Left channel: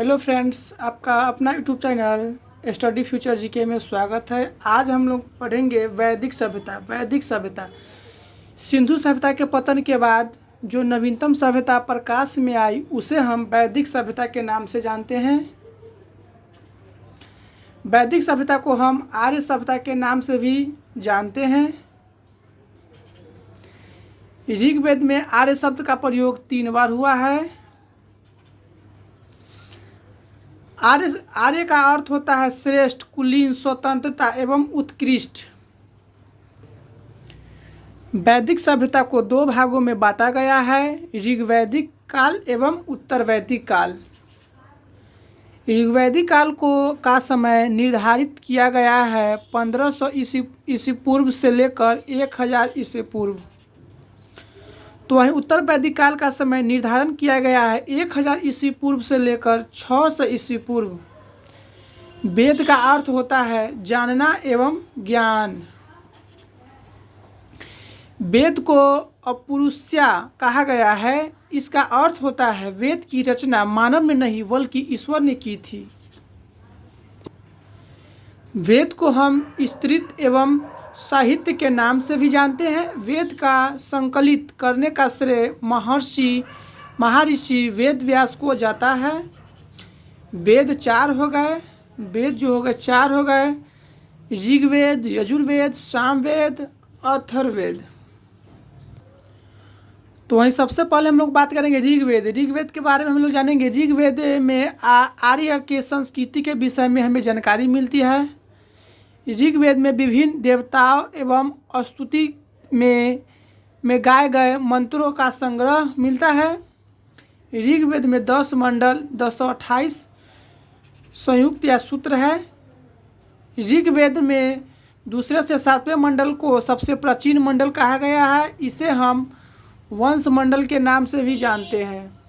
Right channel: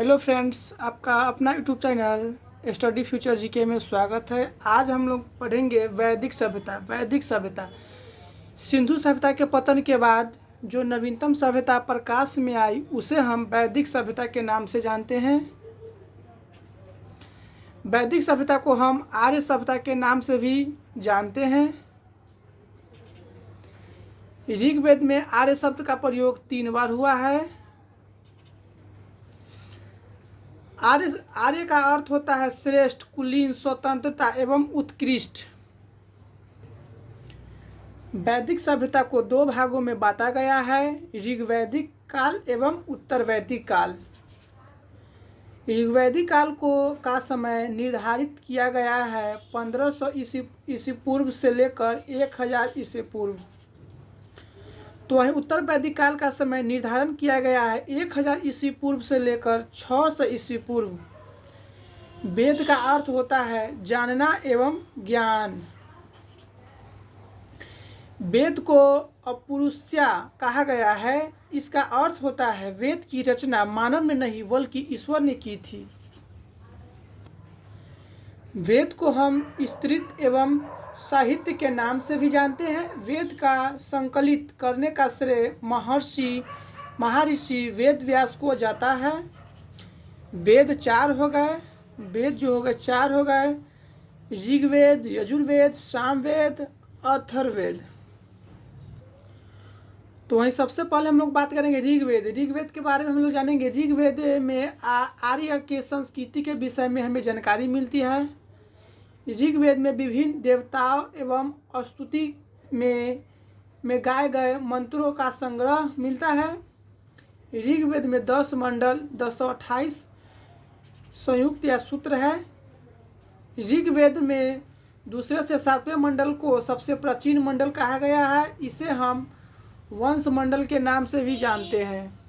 Hello friends, आपका अपना YouTube channel study future GK में स्वागत है। आज हम लोग पढ़ेंगे वैदिक सभ्यता। सिंधु सभ्यता के पतन के बाद जो नवीनतम सभ्यता प्रकाश में आई उसे हम वैदिक सभ्यता के नाम से जानते हैं। वैदिक सभ्यता को हम आर्य सभ्यता के नाम से भी जानते हैं। ऋग्वेद में आर्य शब्द का प्रयोग 3 बार हुआ है। आर्य का अर्थ होता है श्रेष्ठ, कुलीन, स्वतंत्रता एवं उत्कृष्ट। वैदिक सभ्यता को 2 भागों में बांटा गया है, ऋग्वैदिक काल एवं उत्तर वैदिक काल। ऋग्वैदिक काल का समय निर्धारित किया गया है 1500 ईसा पूर्व से लेकर 1000 ईसा पूर्व। तो वहीं उत्तर वैदिक काल का समय निर्धारण किया गया है 1000 ईसा पूर्व से लेकर 600 ईसा पूर्व। वेद का अर्थ होता है जानना एवं ज्ञान। वेद को अपौरुषेय कहा गया है। इसका अर्थ होता है वेद की रचना मानव ने नहीं बल्कि ईश्वर ने की थी। वेद को हम स्तुति एवं साहित्य के नाम से भी जानते हैं। वेद का संकलित करने का श्रेय महर्षि वेद व्यास को जाता है। वेद 4 हो गए। वेद जो हो गए 4 हो गए, ऋग्वेद, यजुर्वेद, सामवेद, अथर्ववेद। तो वहीं सबसे पहले हम लोग बात करेंगे ऋग्वेद। ऋग्वेद के बारे में हम लोग जानेंगे। ऋग्वेद में आर्य के संस्कृति के विषय में हमें जानकारी मिलती है। ऋग्वेद में विभिन्न देवताओं एवं स्तुति में गाए गए मंत्रों का संग्रह मिलता है। ऋग्वेद में 10 मंडल 228 संयुक्त या सूत्र है। ऋग्वेद में दूसरे से 7वें मंडल को सबसे प्राचीन मंडल कहा गया है। इसे हम वंश मंडल के नाम से भी जानते हैं।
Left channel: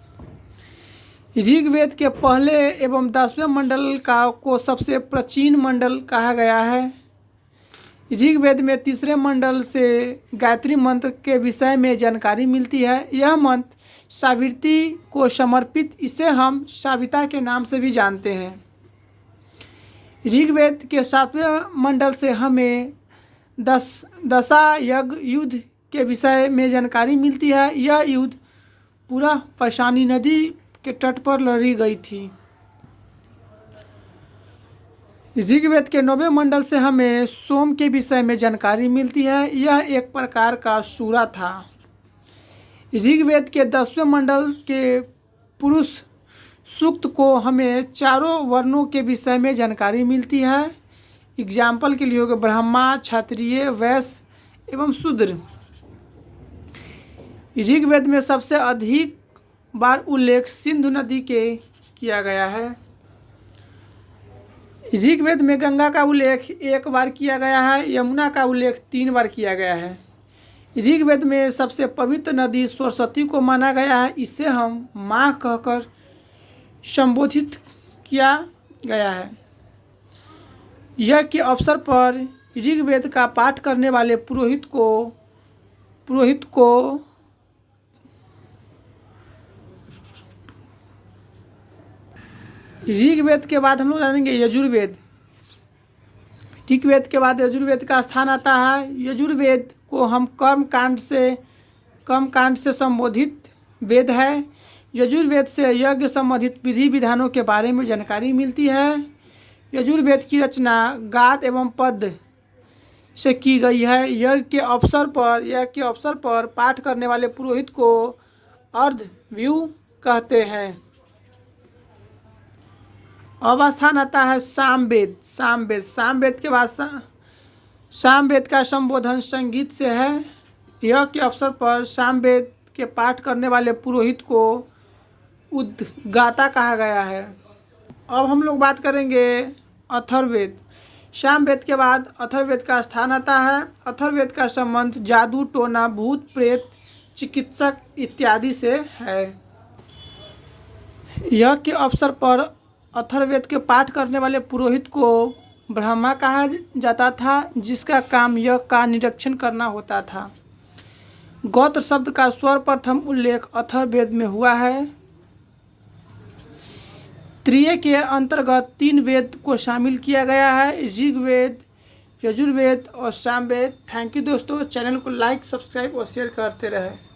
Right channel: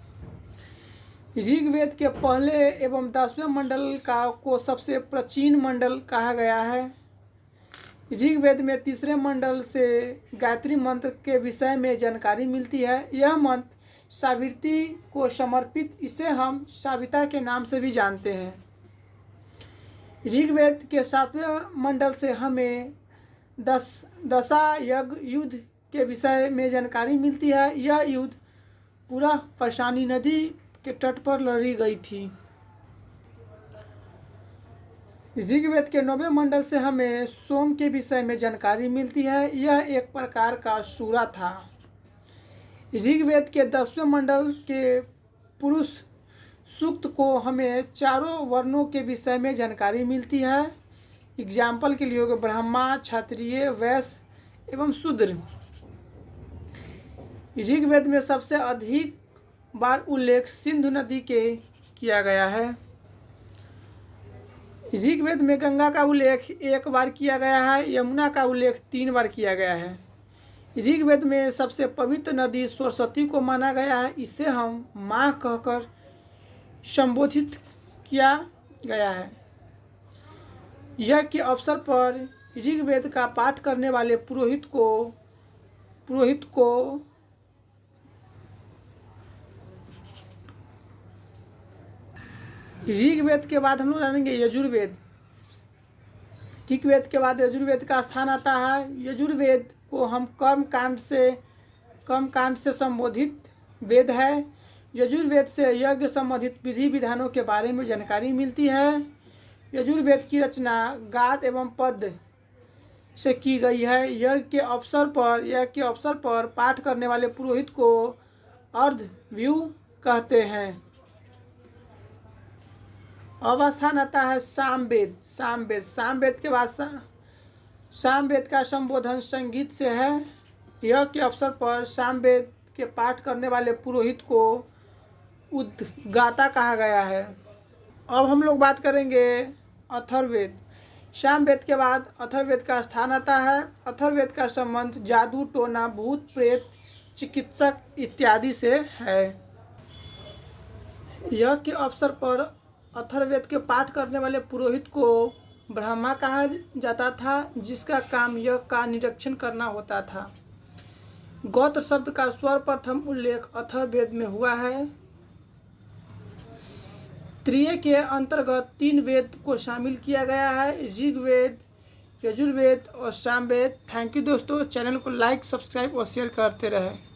ऋग्वेद के पहले एवं 10वें मंडल को सबसे प्राचीन मंडल कहा गया है। ऋग्वेद में 3रे मंडल से गायत्री मंत्र के विषय में जानकारी मिलती है। यह मंत्र सावित्री को समर्पित, इसे हम साविता के नाम से भी जानते हैं। ऋग्वेद के 7वें मंडल से हमें दशा यज्ञ युद्ध के विषय में जानकारी मिलती है। यह युद्ध पूरा पैशानी नदी के तट पर लड़ी गई थी। ऋग्वेद के 9वें मंडल से हमें सोम के विषय में जानकारी मिलती है। यह एक प्रकार का सूरा था। ऋग्वेद के 10वें मंडल के पुरुष सूक्त को हमें 4 वर्णों के विषय में जानकारी मिलती है। एग्जाम्पल के लिए होगा ब्राह्मण, क्षत्रिय, वैश्य एवं शूद्र। ऋग्वेद में सबसे अधिक बार उल्लेख सिंधु नदी के किया गया है। ऋग्वेद में गंगा का उल्लेख 1 बार किया गया है। यमुना का उल्लेख 3 बार किया गया है। ऋग्वेद में सबसे पवित्र नदी सरस्वती को माना गया है। इसे हम माँ कहकर संबोधित किया गया है। यज्ञ के अवसर पर ऋग्वेद का पाठ करने वाले पुरोहित को ऋग्वेद के बाद हम लोग जानेंगे यजुर्वेद। ऋग्वेद के बाद यजुर्वेद का स्थान आता है। यजुर्वेद को हम कर्म कांड से संबोधित वेद है। यजुर्वेद से यज्ञ संबंधित विधि विधानों के बारे में जानकारी मिलती है। यजुर्वेद की रचना गाद एवं पद से की गई है। यज्ञ के अवसर पर पाठ करने वाले पुरोहित को अर्धव्यू कहते हैं। अब स्थान आता है सामवेद। सामवेद के बाद सामवेद का संबोधन संगीत से है। यह के अवसर पर सामवेद के पाठ करने वाले पुरोहित को उद्गाता कहा गया है। अब हम लोग बात करेंगे अथर्ववेद। सामवेद के बाद अथर्ववेद का स्थान आता है। अथर्ववेद का संबंध जादू, टोना, भूत प्रेत, चिकित्सक इत्यादि से है। यह के अवसर पर अथर्ववेद के पाठ करने वाले पुरोहित को ब्रह्मा कहा जाता था, जिसका काम यज्ञ का निरीक्षण करना होता था। गोत्र शब्द का सर्वप्रथम उल्लेख अथर्ववेद में हुआ है। त्रिय के अंतर्गत 3 वेद को शामिल किया गया है, ऋग्वेद, यजुर्वेद और सामवेद। थैंक यू दोस्तों, चैनल को लाइक, सब्सक्राइब और शेयर करते रहें।